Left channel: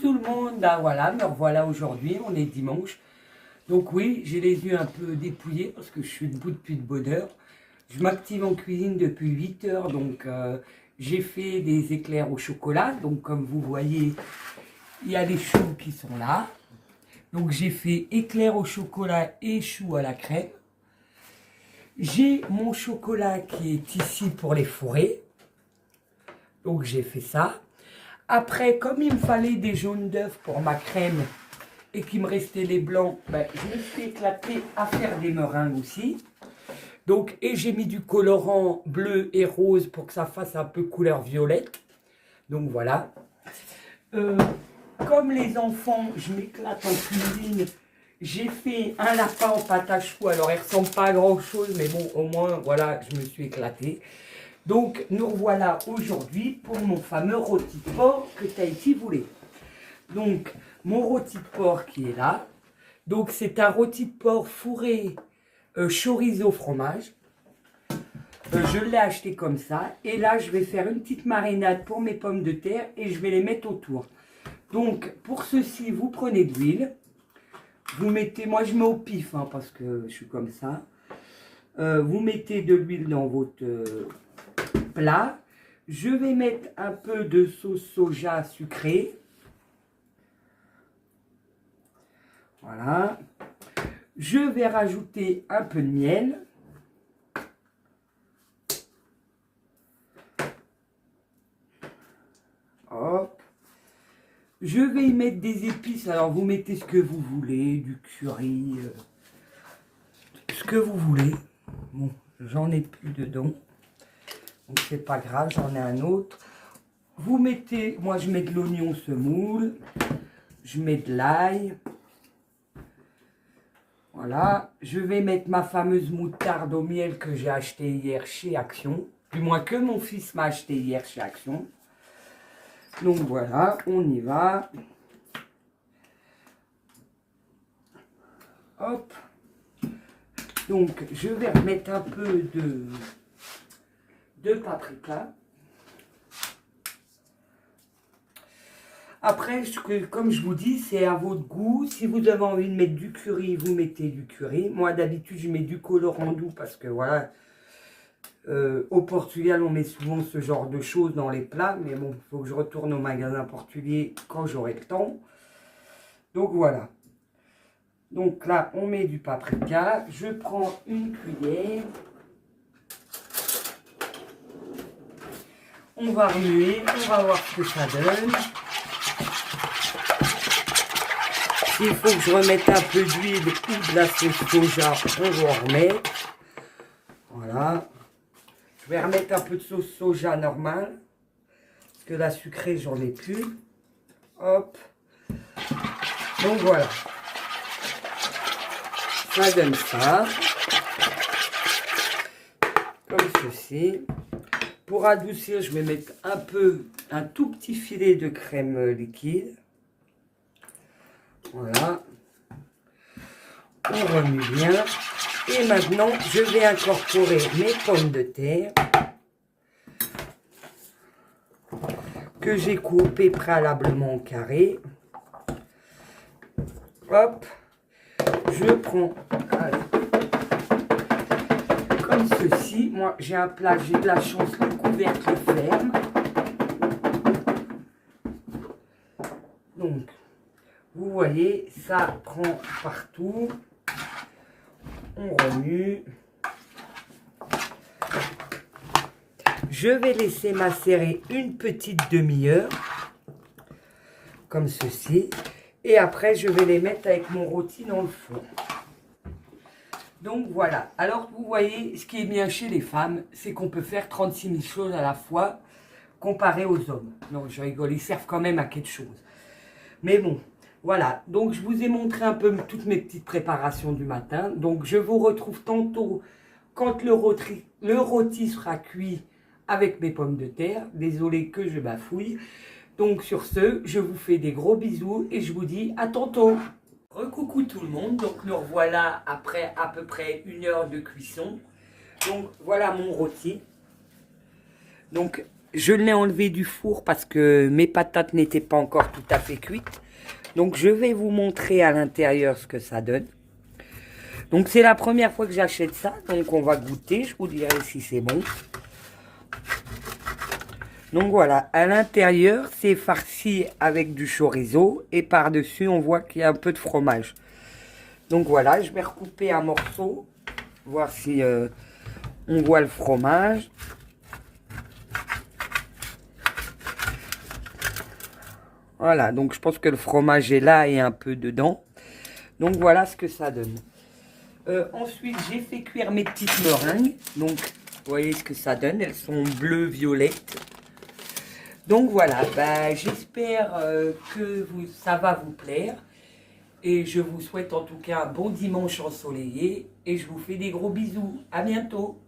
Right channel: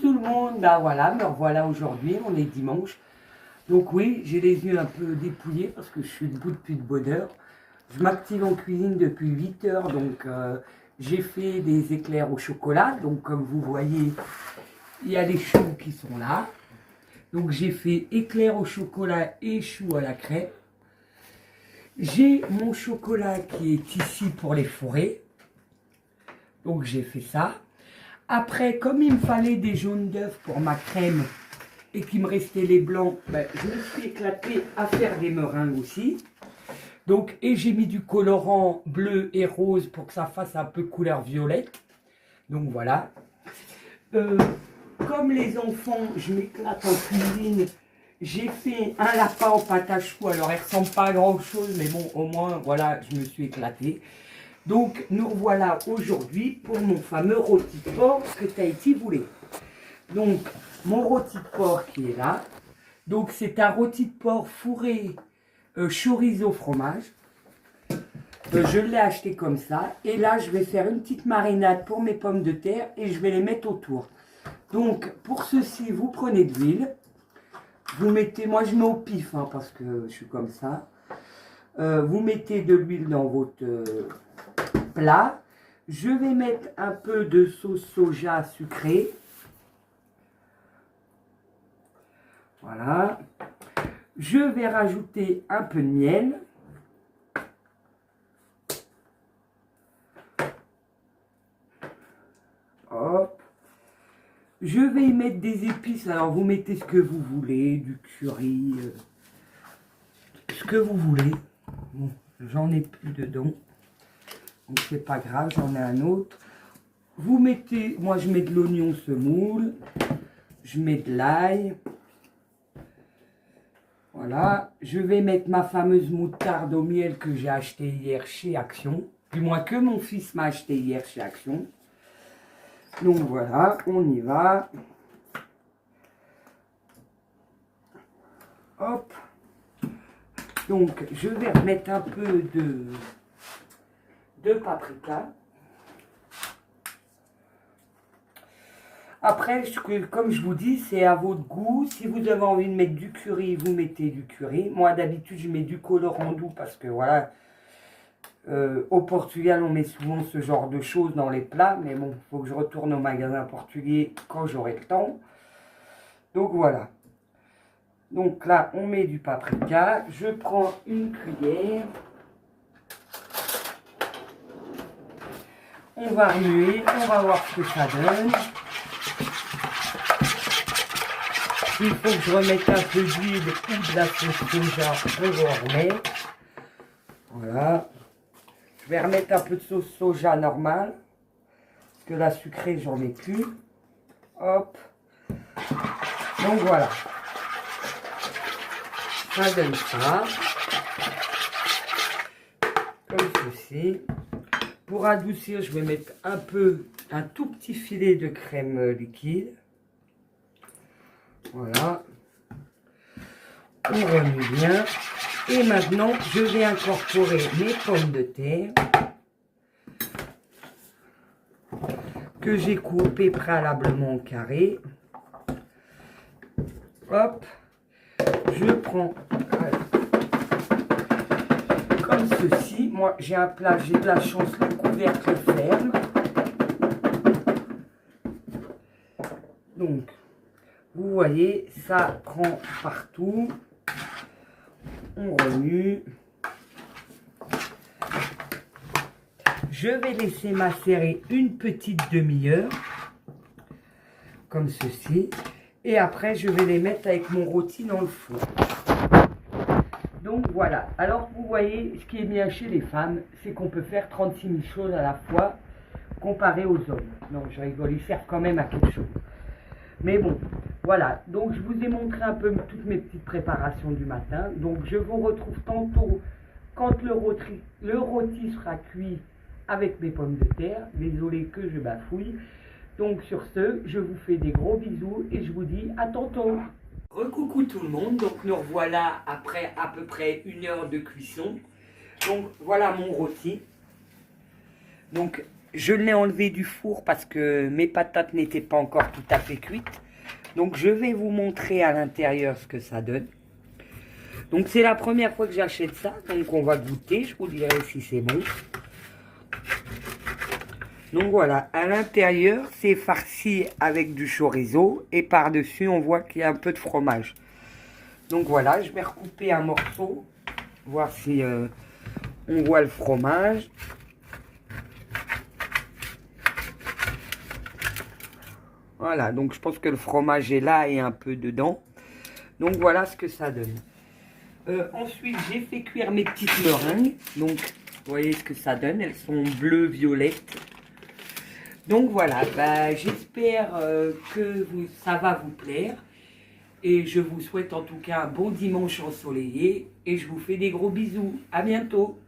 tout le monde, ben voilà, me revoilà aujourd'hui, on est dimanche. Donc oui, j'ai les yeux un peu dépouillés parce que je suis debout depuis de bonne heure. Je m'active en cuisine depuis 8 heures, donc j'ai fait des éclairs au chocolat. Donc comme vous voyez, il y a les choux qui sont là. Donc j'ai fait éclairs au chocolat et choux à la crème. J'ai mon chocolat qui est ici pour les fourrer. Donc j'ai fait ça. Après, comme il me fallait des jaunes d'œufs pour ma crème et qu'il me restait les blancs, ben, je me suis éclatée à faire des meringues aussi. Donc, et j'ai mis du colorant bleu et rose pour que ça fasse un peu couleur violette. Donc voilà. Comme les enfants, je m'éclate en cuisine. J'ai fait un lapin en pâte à choux. Alors, il ne ressemble pas à grand chose, mais bon, au moins, voilà, je me suis éclatée. Donc, nous revoilà aujourd'hui pour mon fameux rôti de porc que Tahiti voulait. Donc, mon rôti de porc qui est là. Donc, c'est un rôti de porc fourré chorizo fromage. Je l'ai acheté comme ça. Et là, je vais faire une petite marinade pour mes pommes de terre et je vais les mettre autour. Donc, pour ceci, vous prenez de l'huile. Vous mettez, moi je mets au pif hein, parce que je suis comme ça. Vous mettez de l'huile dans votre plat. Je vais mettre un peu de sauce soja sucrée. Voilà. Je vais rajouter un peu de miel. Hop. Je vais y mettre des épices. Alors vous mettez ce que vous voulez, du curry, ce que vous voulez. Bon, j'en ai plus dedans. Donc c'est pas grave, j'en ai un autre. Vous mettez, moi je mets de l'oignon semoule, je mets de l'ail. Voilà, je vais mettre ma fameuse moutarde au miel que j'ai acheté hier chez Action. Du moins que mon fils m'a acheté hier chez Action. Donc voilà, on y va. Hop. Donc je vais remettre un peu de paprika. Après, comme je vous dis, c'est à votre goût. Si vous avez envie de mettre du curry, vous mettez du curry. Moi, d'habitude, je mets du colorant doux parce que, voilà, au Portugal, on met souvent ce genre de choses dans les plats. Mais bon, il faut que je retourne au magasin portugais quand j'aurai le temps. Donc, voilà. Donc là, on met du paprika. Je prends une cuillère. On va remuer. On va voir ce que ça donne. Il faut que je remette un peu d'huile ou de la sauce soja, on va en remettre. Voilà. Je vais remettre un peu de sauce soja normale. Parce que la sucrée, j'en ai plus. Hop. Donc voilà. Ça donne ça. Comme ceci. Pour adoucir, je vais mettre un tout petit filet de crème liquide. Voilà, on remue bien. Et maintenant, je vais incorporer mes pommes de terre que j'ai coupées préalablement en carré. Hop, je prends comme ceci. Moi, j'ai un plat, j'ai de la chance, le couvercle ferme. Donc, vous voyez, ça prend partout. On remue. Je vais laisser macérer une petite demi-heure. Comme ceci. Et après, je vais les mettre avec mon rôti dans le four. Donc voilà. Alors, vous voyez, ce qui est bien chez les femmes, c'est qu'on peut faire 36 000 choses à la fois, comparé aux hommes. Donc, je rigole, ils servent quand même à quelque chose. Mais bon, voilà, donc je vous ai montré un peu toutes mes petites préparations du matin. Donc je vous retrouve tantôt quand le rôti sera cuit avec mes pommes de terre. Désolé que je bafouille. Donc sur ce, je vous fais des gros bisous et je vous dis à tantôt. Recoucou tout le monde, donc nous revoilà après à peu près 1 heure de cuisson. Donc voilà mon rôti. Donc je l'ai enlevé du four parce que mes patates n'étaient pas encore tout à fait cuites. Donc je vais vous montrer à l'intérieur ce que ça donne. Donc c'est la première fois que j'achète ça, donc on va goûter, je vous dirai si c'est bon. Donc voilà, à l'intérieur c'est farci avec du chorizo et par-dessus on voit qu'il y a un peu de fromage. Donc voilà, je vais recouper un morceau, voir si on voit le fromage. Voilà, donc je pense que le fromage est là et un peu dedans. Donc voilà ce que ça donne. Ensuite, j'ai fait cuire mes petites meringues. Donc, vous voyez ce que ça donne. Elles sont bleues, violettes. Donc voilà, bah, j'espère que ça va vous plaire. Et je vous souhaite en tout cas un bon dimanche ensoleillé. Et je vous fais des gros bisous. À bientôt.